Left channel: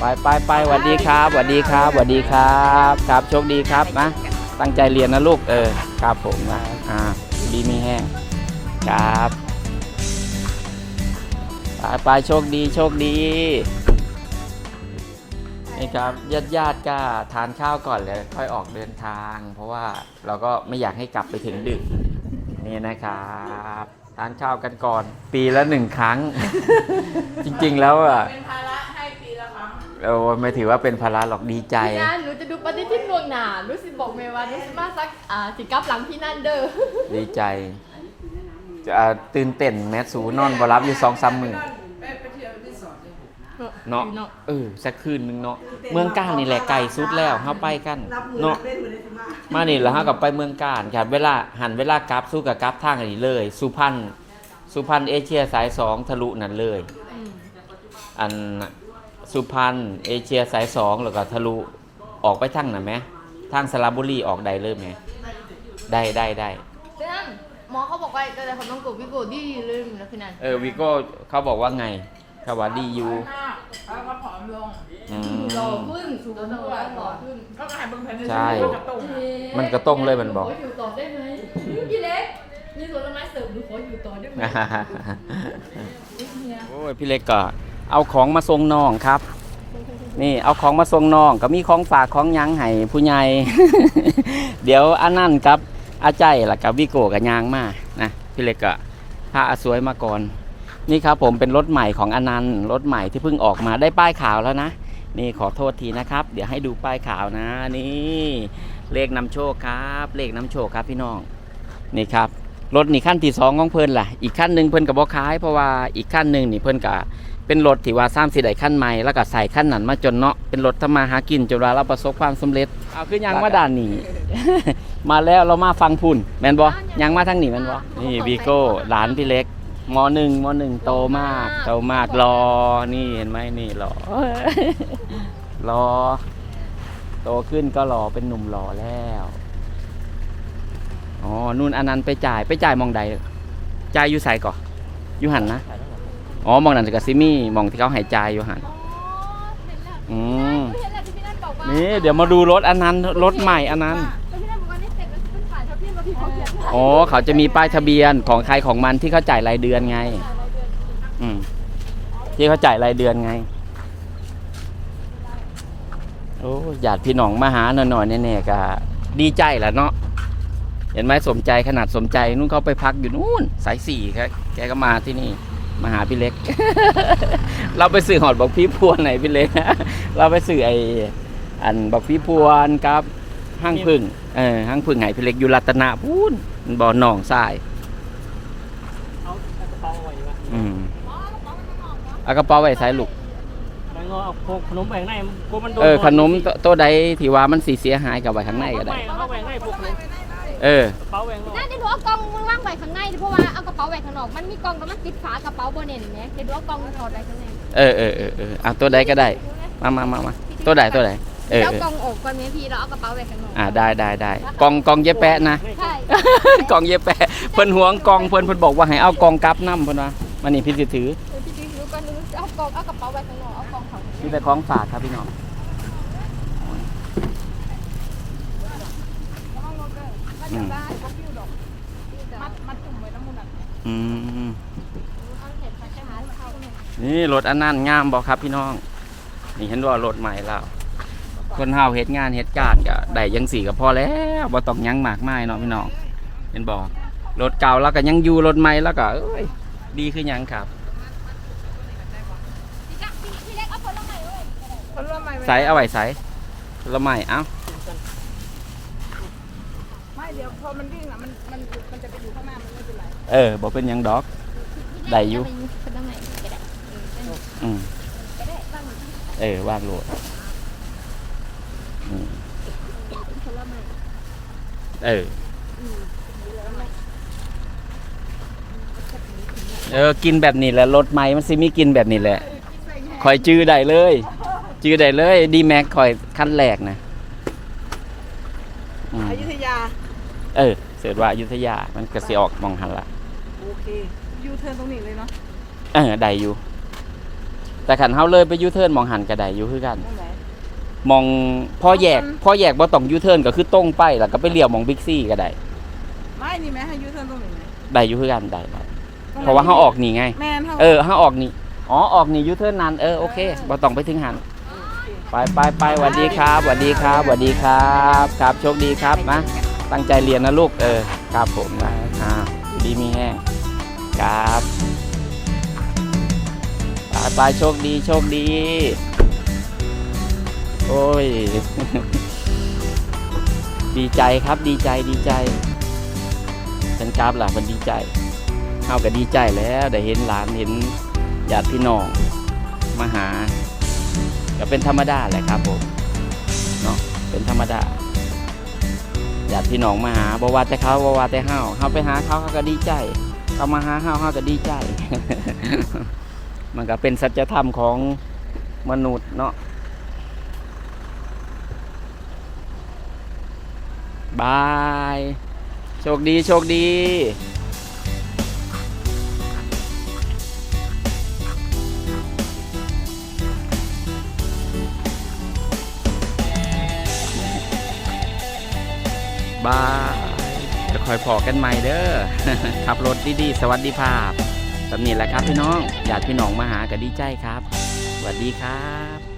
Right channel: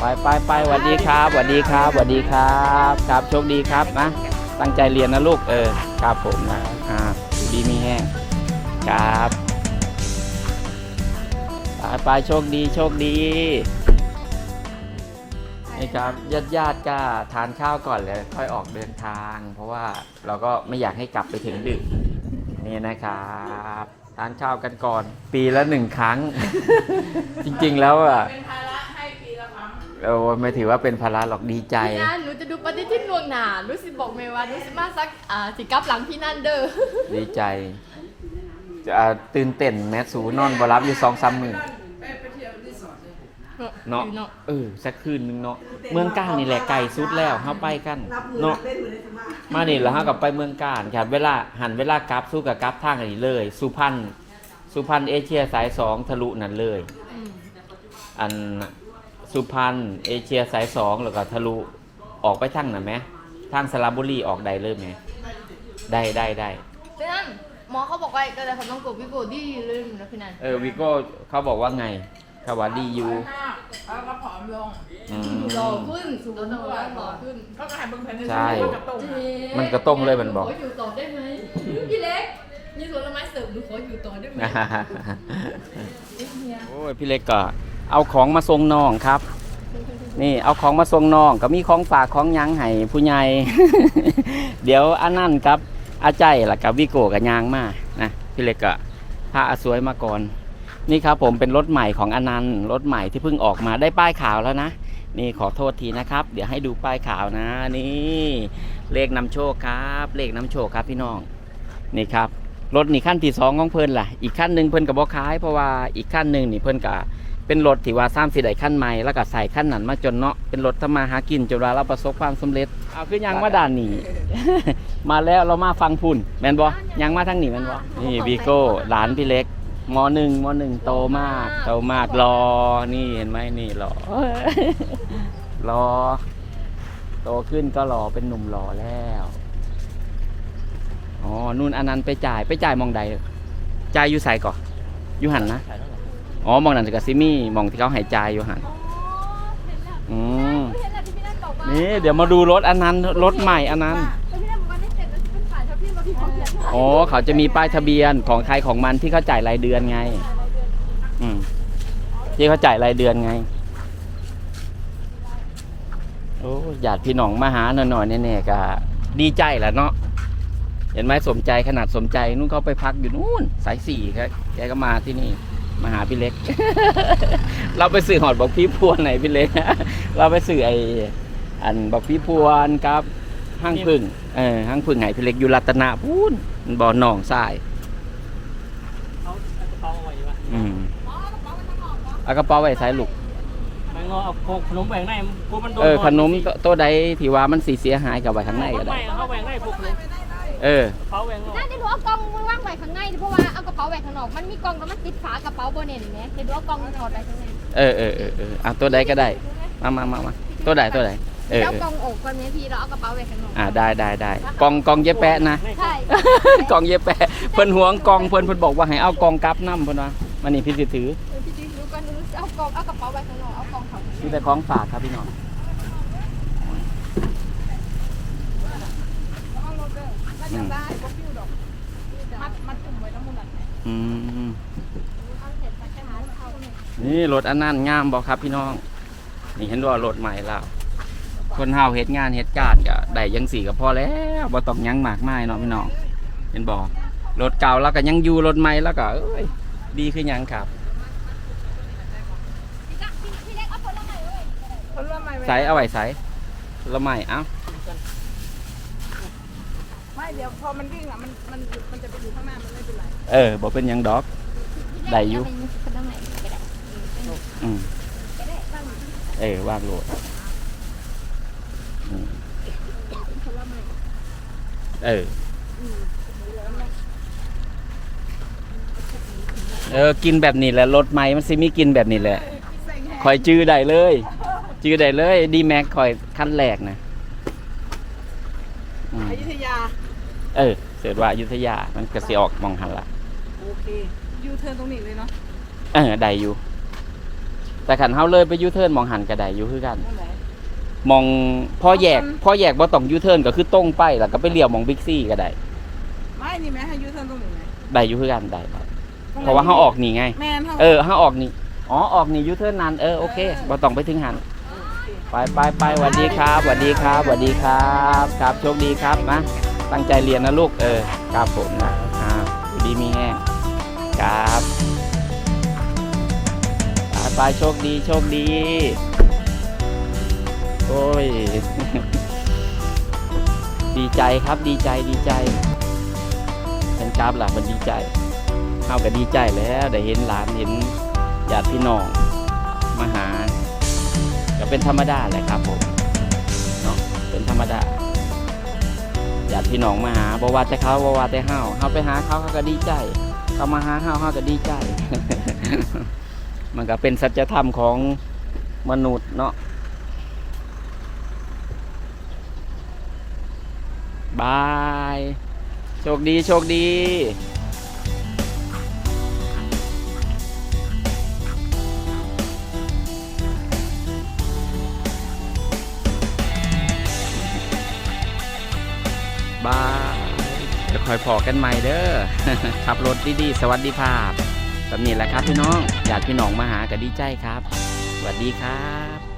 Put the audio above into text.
ไปไปไปสวัสดีครับสวัสดีครับสวัสดีครับครับโชคดีครับนะตั้งใจเรียนนะลูกเออครับผมนะอ่าดีมีแห้งครับไปไปโชคดีโชคดีนี่ครับญาติญาติก็ทานข้าวก่อนเลยค่อยออกเดินทาง เพราะว่าเราก็ไม่อยากให้กลับไปถึงดึกนี่นะครับทานข้าวกันก่อน ปีละหนึ่งครั้ง จริงๆแล้วอะ เออไม่ถือว่าเป็นภาระหรอกดีใจ พี่นันหนูจะดูปฏิทินล่วงหน้ารู้สึกบอกเมย์ว่ารู้สึกมาสักอ่าสิกลับหลังพี่นันเด้อดีใจจะอ่าตื่นเต้นแมสสูนอนบรับอยู่สองสามมือไปไปเที่ยวรีสอร์ทเลยเนาะเออสักคืนหนึงเนาะเมืองก้านนี่แหละไก่สุดแล้วเฮาไปกันเนาะมานี่แล้วเฮากับไปเมืองก้านครับเวลาหันเวลากราฟสู้กับกราฟทางอันนี้เลย สุพรรณสุพรรณเอเชียสายสองทะลุนั่นเลย อัน สุพรรณเอเชียสายสองแล้วก็ทะลุออกไปทางน่ะไหมทางสระบุรีออกได้เลยไหมได้ได้ได้พี่นันหมอเขาบอกว่าก็จะทำน้องโกวิโกดีเลยนะพี่นันเออวิโก้เขาบอกว่าไงเขาว่าดีอยู่หน้าแล้วก็ผอมลงอืหล่อมขึ้นสูงทุกวันผหล่ออมขึ้นก็กลายเป็นแผ่นใช่กระตุกอะมันกระต้งเลยมันบอก ขออยู่ต่อได้ไหมพี่เล็กนี่ผลไม้เสริมหนูขออยู่ต่อได้ไหม โอ้ยพี่เล็กก็ เอาของมาส่งน้องครับ นี่เอาของมาส่งน้องก็มีของฝากของหยังให้ผู้ใหญ่ เดี๋ยวอันนั่นครับอาใจล่ะกับวิโก้กับยางมานะพี่เล็กก็พาอาสวยมาก่อน นี่ครับผมเป็นรถใหม่ของอนันต์รถใหม่ที่เพิ่งออกมาได้ป้ายขาวแล้วนะ นี่ขอโทษทีนะครับ เดี๋ยวให้ดูป้ายขาวนะ นี่เลขนำโชคครับ เลขนำโชคครับพี่น้องนี่ครับรถนี่ขั้นที่สองของเพิ่นล่ะ อีกขั้นหนึ่งเพิ่นกับบอขายเพราะว่าอีกขั้นหนึ่งนี่เพิ่นกับ เป็นรถที่ว่าสร้างสีได้ขั้นใหม่แล้วก็ใส่ขั้นนั้นมาจนเนาะเป็นรถทำมาหากินจนว่าเราประสบความสำเร็จเอาคือยังมาด่านนี้มาแล้วเรามาฟังพุ่นแมนบอยังมาทางนี้แมนบอนี่วีโก้หลานพี่เล็กมหนึ่งมหนึ่งโตมากโตมากรอนี่เห็นไหมนี่รอรอ โตขึ้นก็รอเป็นหนุ่มหล่อแล้วอ๋อนู่นอันนั้นไปจ่ายไปจ่ายมองใดจ่ายอยู่ใส่ก่อนอยู่หันนะ อ๋อมองนั่นกับซิมี่มองที่เขาหายใจอยู่หันอืมนี่เดี๋ยวมาดูรถอันนั้นรถใหม่อันนั้นแล้วพี่นันบอกว่านี่เสร็จแล้วเขาเขียนอ๋อเขาจะมีป้ายทะเบียนของใครของมันที่เขาจ่ายรายเดือนไง อืมที่เขาจ่ายรายเดือนไงโอ้ญาติพี่น้องมาหาหน่อยๆแน่ๆก็ดีใจแหละเนาะเห็นไหมสมใจขนาดสมใจนู่นเขาไปพักอยู่นู่นสายสี่ครับแกก็มาที่นี่ มาหาพี่เล็ก เราไปสื่อหอดบอกพี่พวนไหนพี่เล็กเราไปสื่อไออันบอกพี่พวนครับห้างพึ่งเออห้างพึ่งไหนพี่เล็กอยู่รัตนะพูนบ่อหนองทรายอืมเอากระเป๋าไว้ใส่ลูกไปงอเอาโคกขนมแบ่งในพวกมันโดนเออขนมโตโตัวใดที่ว่ามันสีเสียหายกับไว้ข้างในก็ได้ไม่ เขาแบ่งในพวกขนมเออเขาแบ่งน่าจะดูเอากล่องมึงว่างไว้ข้างในเพราะว่าเอากระเป๋าไว้ข้างนอก มันมีกล่องแล้วมันติดฝากระเป๋าโบเน่นเนี่ยเดี๋ยวดูเอากล่องถอดไว้ข้างในเออเออเออเออเอาตัวใดก็ได้ มามามามาตัวใดตัวใดเออแล้วเออกล่องออกก่อนเนี่ยพี่เราเอากระเป๋าไว้ข้างนอกอ่าได้ได้ได้กองกองเย็บแปะนะ ใช่กองเย็บแปะเพิ่นหวงกองเพิ่นเพิ่นบอกว่าให้เอากองกลับน้ำเพิ่นว่ามันนี่พี่สิถือเดี๋ยวพี่จิ๊กดูก่อนดูเอากล่องเอากระเป๋าไว้ข้างนอกเอากล่องถอดข้างในมีแต่ของฝากครับพี่น้อง อืมมัดมัดจุ่มไว้แล้วมุนอัดอืม นี่รถอันนั้นงามบอกครับพี่น้อง นี่เห็นว่ารถใหม่แล้ว คนเฮาเฮ็ดงานเฮ็ดการก็ได้ยังสี่ก็พอแล้วบ่ต้องหยังมากมายเนาะพี่น้องเห็นบอกรถเก่าแล้วก็ยังอยู่รถใหม่แล้วก็เอ้ยดีคือหยังครับ พี่เล็กเอาผลไม้ไว้เขาเริ่มใหม่ใส่เอาไว้ใส่ละไม่เอ้าไม่ เดี๋ยวพอมันวิ่งอะมันมันมันจะไปอยู่ข้างหน้ามันไม่เป็นไรเออบอกเป็นหยังดอก ได้อยู่ เาปผลไม้ก็ได้อืมเออว่างโลดอืมเออเออกินแบบนี้แหละรถไม้มันสิมีกินแบบนี้แหละคอยจื้อได้เลย จื้อได้เลย ดีแม็กคอยขั้นแรกนะอืมอยุธยา เออเสิร์ชว่าอยุธยา มันก็สิออกมองหันละโอเคยูเทิร์นตรงนี้เลยเนาะเออได้อยู่ แต่ขันเฮาเลยไปยูเทิร์นมองหันก็ได้อยู่คือกันตรงไหนมองพ่อแยกพ่อแยกบ่ต้องยูเทิร์นก็คือตรงไปแล้วก็ไปเลี้ยวมองบิ๊กซี่ก็ได้ไม่นี่แม่ให้ยูเทิร์นตรงนี้ไหมได้อยู่คือกันได้ได้เพราะว่าเฮาออกนี่ไง แม่นเขาเออเฮาออกนี่อ๋อออกนี่ยูเทิร์นนั้นเออโอเคบ่ต้องไปถึงหันไปไปไปสวัสดีครับสวัสดีครับสวัสดีครับ ครับโชคดีครับนะ ตั้งใจเรียนนะลูกเออครับผมนะอ่าอยู่ดีมีแห้งครับไปไปโชคดีโชคดี โอ้ย ดีใจครับดีใจดีใจเป็นกราฟล่ะมันดีใจเอาก็ดีใจแล้วได้เห็นหลานเห็นญาติพี่น้องมาหาก็เป็นธรรมดาแหละครับผมเนาะเป็นธรรมดาญาติ พี่น้องมาหาบ่ว่าแต่เขาบ่ว่าแต่เฮาเฮาไปหาเขาเขาก็ดีใจเขามาหาเฮาเฮาก็ดีใจ มันก็เป็นสัจธรรมของมนุษย์เนาะบาย โชคดี โชคดี คอยพอกันใหม่เด้อขับรถดีๆสวัสดีภาพแบบนี้แหละครับพี่น้อง อยากพี่น้องมาหาก็ดีใจครับสวัสดีครับ